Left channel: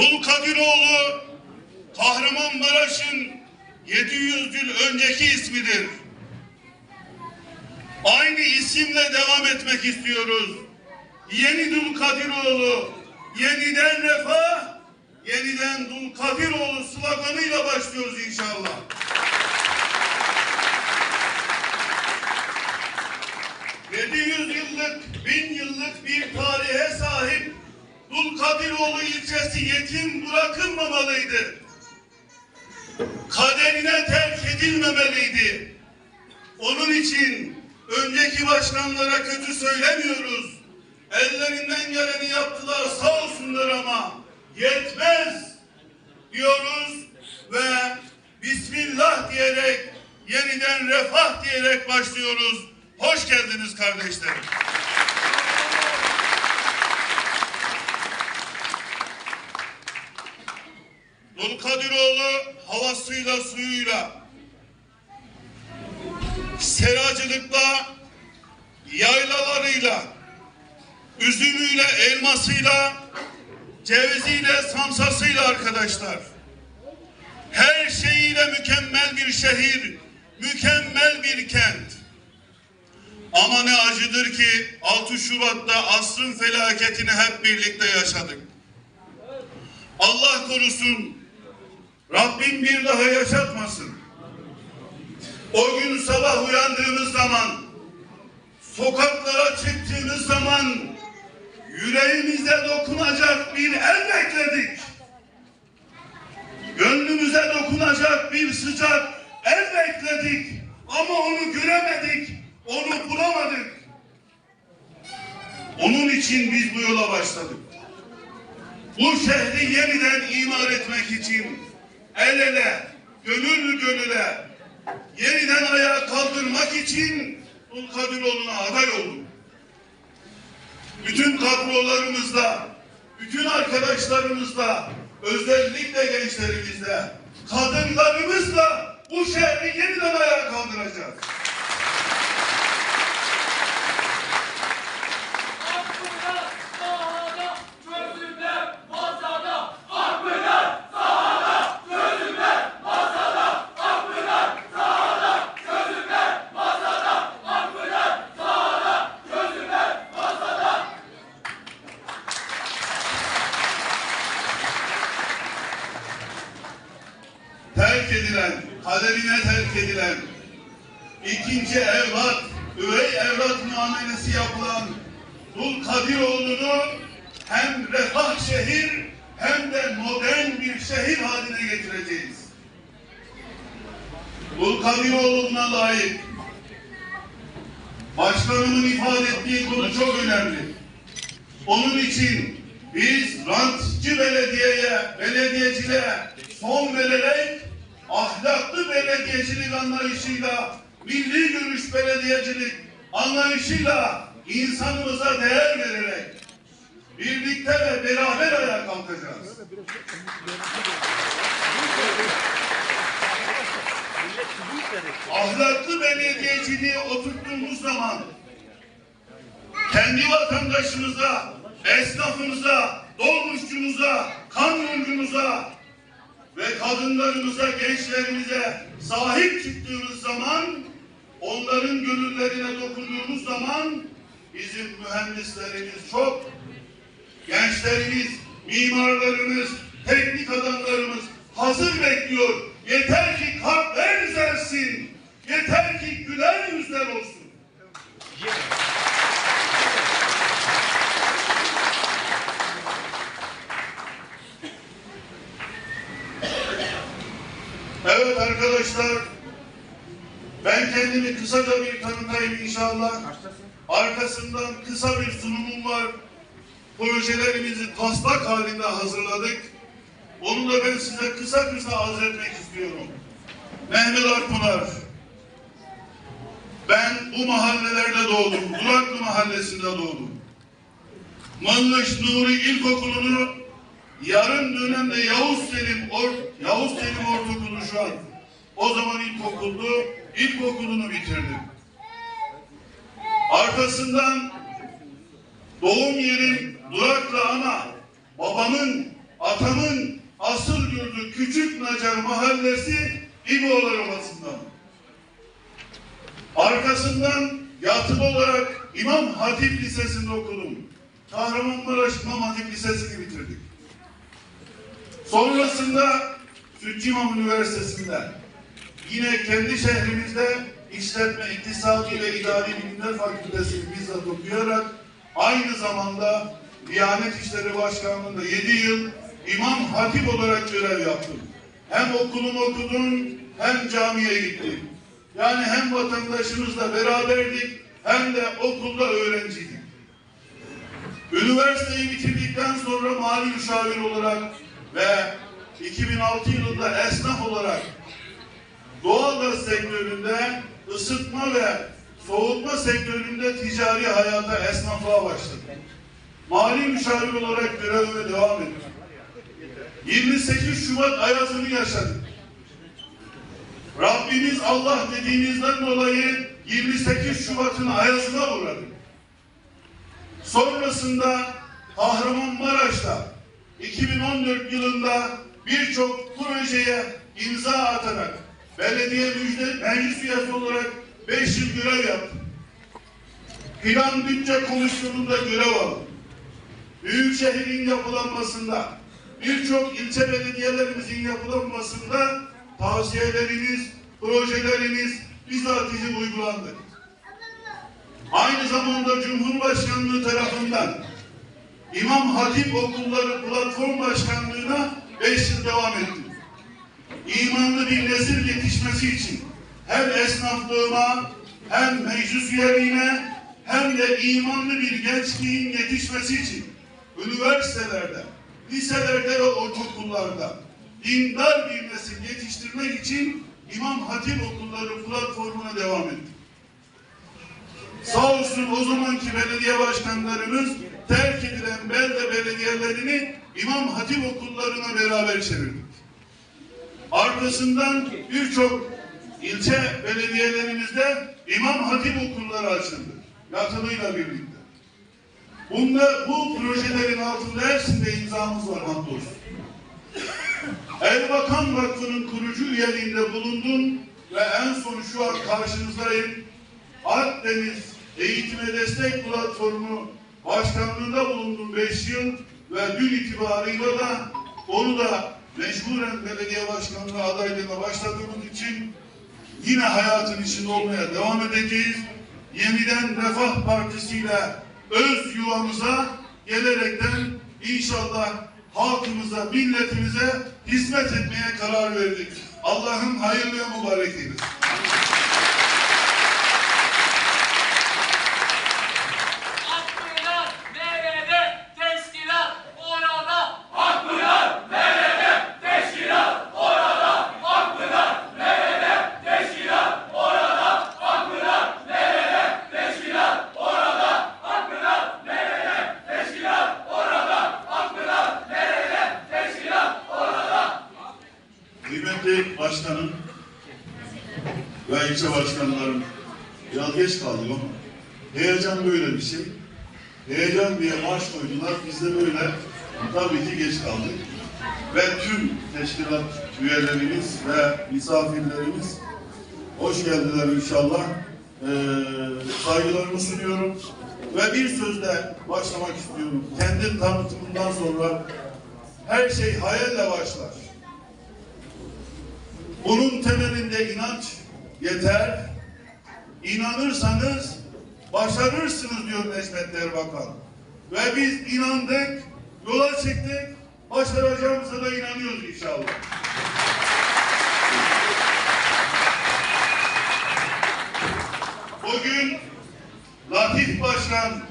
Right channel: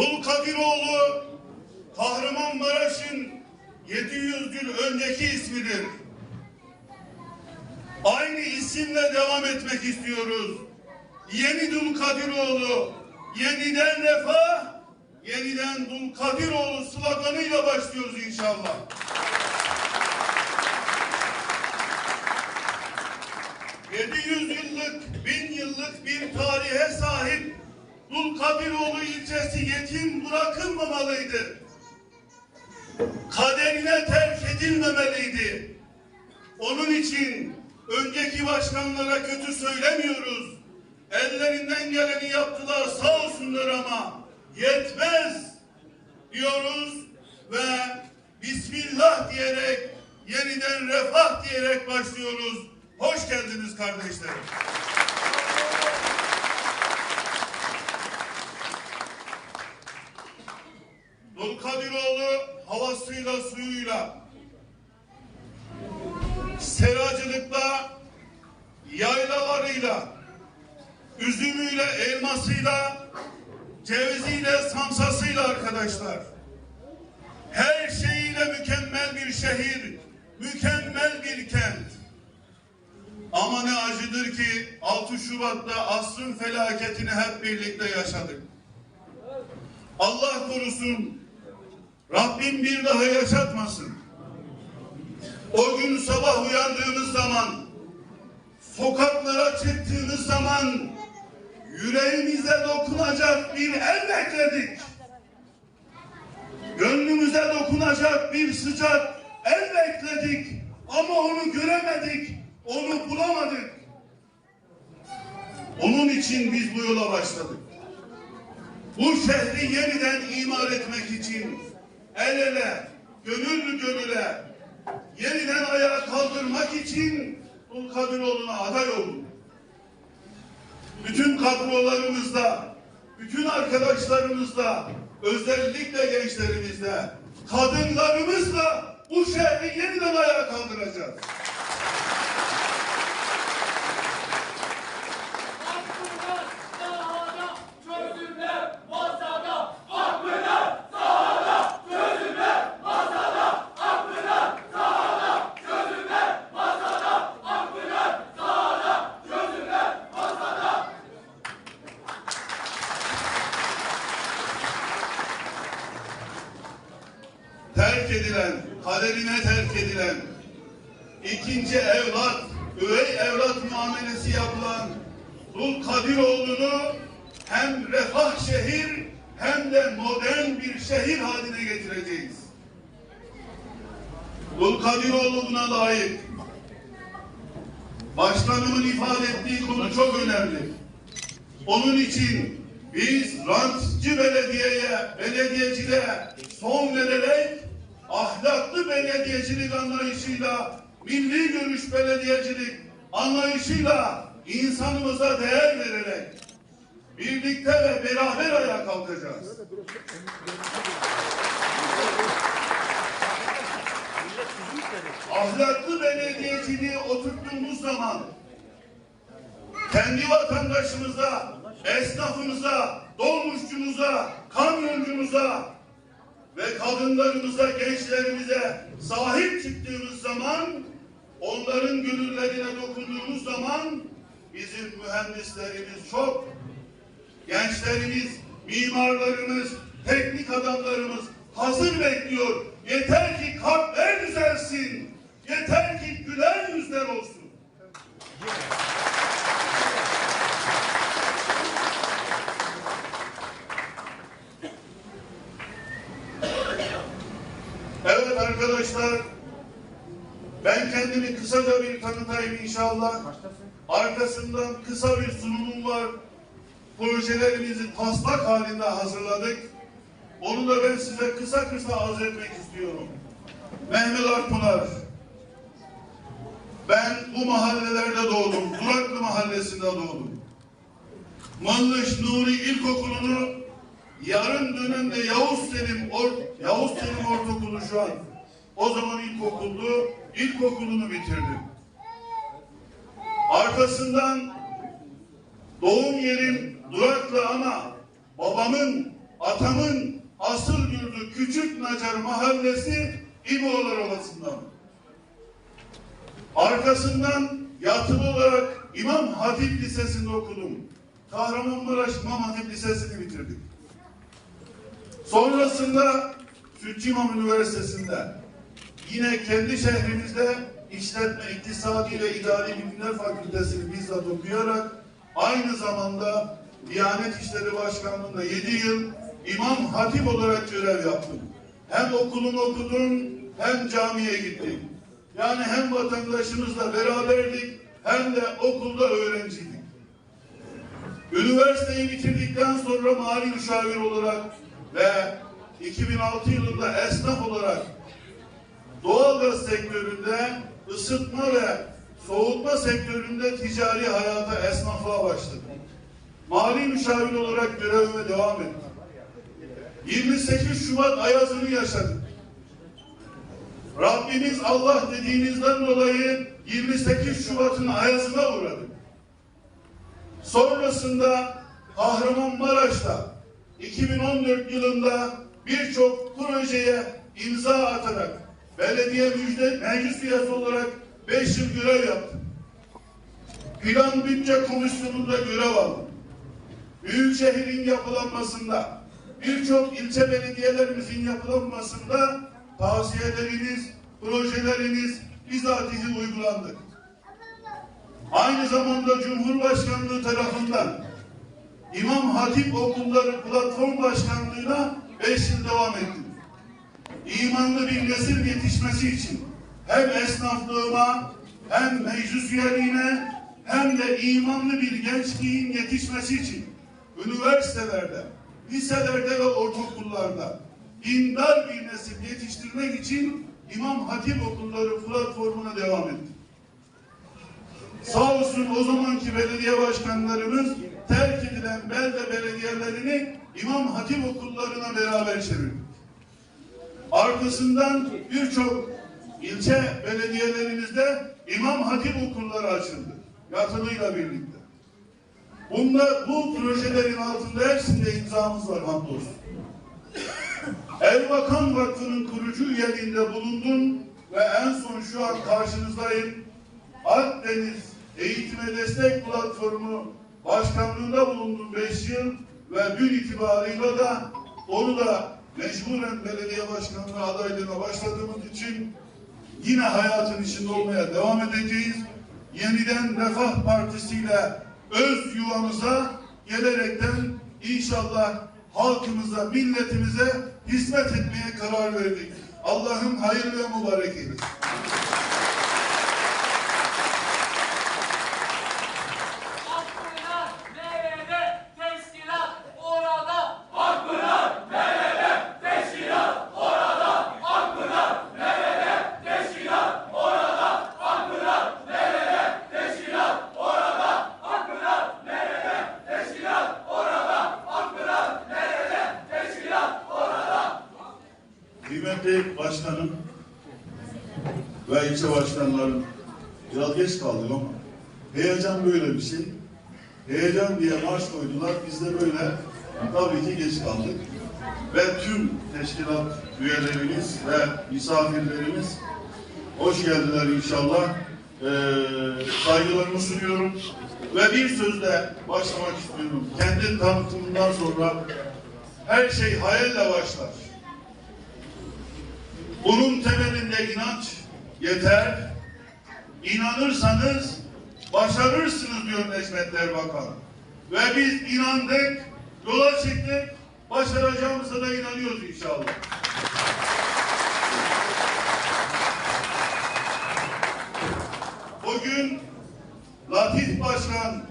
Dulkadiroğlu Kahramanmaraş'ın 700 yıl önceki ismidir. Aynı isimle devam etmek istiyoruz. Yeni Dulkadiroğlu, yeniden refah, yeniden Dulkadiroğlu sloganıyla başlıyoruz inşallah. ...700 yıllık, bin yıllık bir tarihe sahip Dulkadiroğlu ilçesi yetim bırakılmamalıydı. Kaderine terk edilmemeliydi. Onun için önceki başkanlara kötü söylemiyoruz. Ellerinden geleni yaptılar sağ olsunlar ama yetmez diyoruz ve Bismillah diyerek yeniden refah diyerek başlıyoruz. Hoş geldiniz kardeşlerim. Dulkadiroğlu havasıyla suyuyla seracılıkla yaylalarıyla üzümüyle elmasıyla ceviziyle samsasıyla arkadaşlar her şeyiyle mükemmel bir şehir mükemmel bir kent ama ne acıdır ki 6 Şubat'ta asrın felaketini hep birlikte yaşadık. Allah korusun. Rabbim bir daha yaşatmasın. O gün sabah uyandığımız zaman, sokaklara çıktığımız zaman yüreğimize dokunacak bir el bekledik. Gönlümüze dokunacak bir sıcak el bekledik. Ama onu göremedik, onu bulamadık. Onun için biz bu yola başladık bu şehri yeniden imar etmek için el ele, gönül gönüle yeniden ayağa kaldırmak için Dulkadiroğlu'na aday oldum. Bütün kadrolarımızda, bütün arkadaşlarımızla, özellikle gençlerimizle, kadınlarımızla bu şehri yeniden ayağa kaldıracağız. Akpınar sahada, çözümler masada. Akpınar sahada, çözümler masada. Akpınar sahada, çözümler masada. Akpınar sahada, çözümler masada. terk edilen, kaderine terk edilen, ikinci evlat, üvey evlat muamelesi yapılan Dul Kadiroğlu'nu hem refah şehir hem de modern bir şehir haline getireceğiz. Dul Kadiroğlu'na layık. Başkanımın ifade ettiği konu çok önemli. Onun için biz rantçı belediyeye, belediyeciliğe son vererek ahlaklı belediyecilik anlayışıyla, milli görüş belediyecilik anlayışıyla insanımıza değer vererek birlikte ve beraber ayağa kalkacağız. Ahlaklı belediyeciliği oturttuğumuz zaman kendi vatandaşımıza, esnafımıza, dolmuşçumuza, kamyoncumuza ve kadınlarımıza, gençlerimize sahip çıktığımız zaman, onların gönüllerine dokunduğumuz zaman bizim mühendislerimiz çok, gençlerimiz, mimarlarımız, teknik adamlarımız hazır bekliyor. Yeter ki kalpler düzelsin, yeter ki güler yüzler olsun. Evet arkadaşlar, ben kendimi kısaca bir tanıtayım inşallah. Arkasından kısa bir sunumum var. Projelerimizi taslak halinde hazırladık. Onu da ben size kısa kısa arz etmek istiyorum. Mehmet Akpınar. Ben bu mahallelerde doğdum. Duraklı mahallesinde doğdum. Mınlış Nuri İlkokulu'nu yarın dönemde Yavuz Selim Or Yavuz Selim Ortaokulu şu an. O zaman ilkokuldu. İlkokulunu bitirdim. Arkasından doğum yerim Duraklı ama babamın atamın asıl yurdu Küçük Nacar Mahallesi İboğlar Ovası'ndan. Arkasından yatılı olarak İmam Hatip Lisesi'nde okudum. Kahramanmaraş İmam Hatip Lisesi'ni bitirdik. Sonrasında Sütçü İmam Üniversitesi'nde yine kendi şehrimizde işletme, iktisadi ve idari bilimler fakültesini bizzat okuyarak aynı zamanda Diyanet İşleri Başkanlığı'nda 7 yıl İmam Hatip olarak görev yaptım. Hem okulumu okudum hem camiye gittim. Yani hem vatandaşımızla beraberdik hem de okulda öğrenciydik. Üniversiteyi bitirdikten sonra mali müşavir olarak ve 2006 yılında esnaf olarak doğalgaz sektöründe ısıtma ve soğutma sektöründe ticari hayata esnaflığa başladım. Mali müşavir olarak görevime devam ettim. 28 Şubat ayazını yaşadık. Rabbimiz Allah dediğinizden dolayı 28 Şubat'ın ayazına uğradık. Sonrasında Kahramanmaraş'ta 2014 yılında birçok projeye imza atarak belediye müjde meclis üyesi olarak 5 yıl görev yaptım. Plan bütçe komisyonunda görev aldım. Büyükşehir'in yapılanmasında, birçok ilçe belediyelerimizin yapılanmasında tavsiyelerimiz, projelerimiz bizatihi uygulandı. Aynı zamanda Cumhurbaşkanlığı tarafından İmam Hatip Okulları Platform Başkanlığı'na 5 yıl devam ettim. İmanlı bir nesil yetişmesi için hem esnaflığıma hem meclis üyeliğine hem de imanlı bir gençliğin yetişmesi için üniversitelerde, liselerde ve ortaokullarda dindar bir nesil yetiştirmek için İmam Hatip Okulları platformuna devam ettim. Sağ olsun o zamanki belediye başkanlarımız terk edilen belde belediyelerini İmam Hatip okullarına beraber çevirdik. Arkasından birçok ilçe belediyelerimizde İmam Hatip okulları açıldı. Yatılıyla birlikte. Bunda bu projelerin altında hepsinde imzamız var hamdolsun. Erbakan Vakfı'nın kurucu üyeliğinde bulundum ve en son şu an karşınızdayım. Akdeniz Eğitime Destek Platformu Başkanlığında bulundum 5 yıl ve dün itibarıyla da onu da mecburen belediye başkanlığı adaylığına başladığımız için yine hayatın içinde olmaya devam edeceğiz. Yeniden Refah Partisi ile öz yuvamıza gelerekten inşallah halkımıza, milletimize hizmet etmeye karar verdik. Allah'ın hayırlı mübarek eylesin. Akpınar nerede? Teşkilat orada. Akpınar nerede? Teşkilat orada. Akpınar nerede? Teşkilat orada. Akpınar nerede? Teşkilat orada. Akpınar nerede? Teşkilat orada. Akpınar nerede? Teşkilat orada. Kıymetli başkanım ve ilçe başkanlarım biraz geç kaldım ama heyecan böyle bir şey. Heyecan diye marş koydular. Biz de böyle tabii ki geç kaldık. Ve tüm teşkilat üyelerimiz ve misafirlerimiz hoş geldiler inşallah. Ee, saygılarımı sunuyorum. Ve bir sözle başlamak istiyorum. Kendi tanıtımından sonra her şey hayalle başlar. Bunun temelinde inanç yeter. İnanırsanız başarırsınız diyor Necmet Erbakan. Ve biz inandık, yola çıktık, başaracağımıza da inanıyoruz inşallah. Bugün Latif Başkan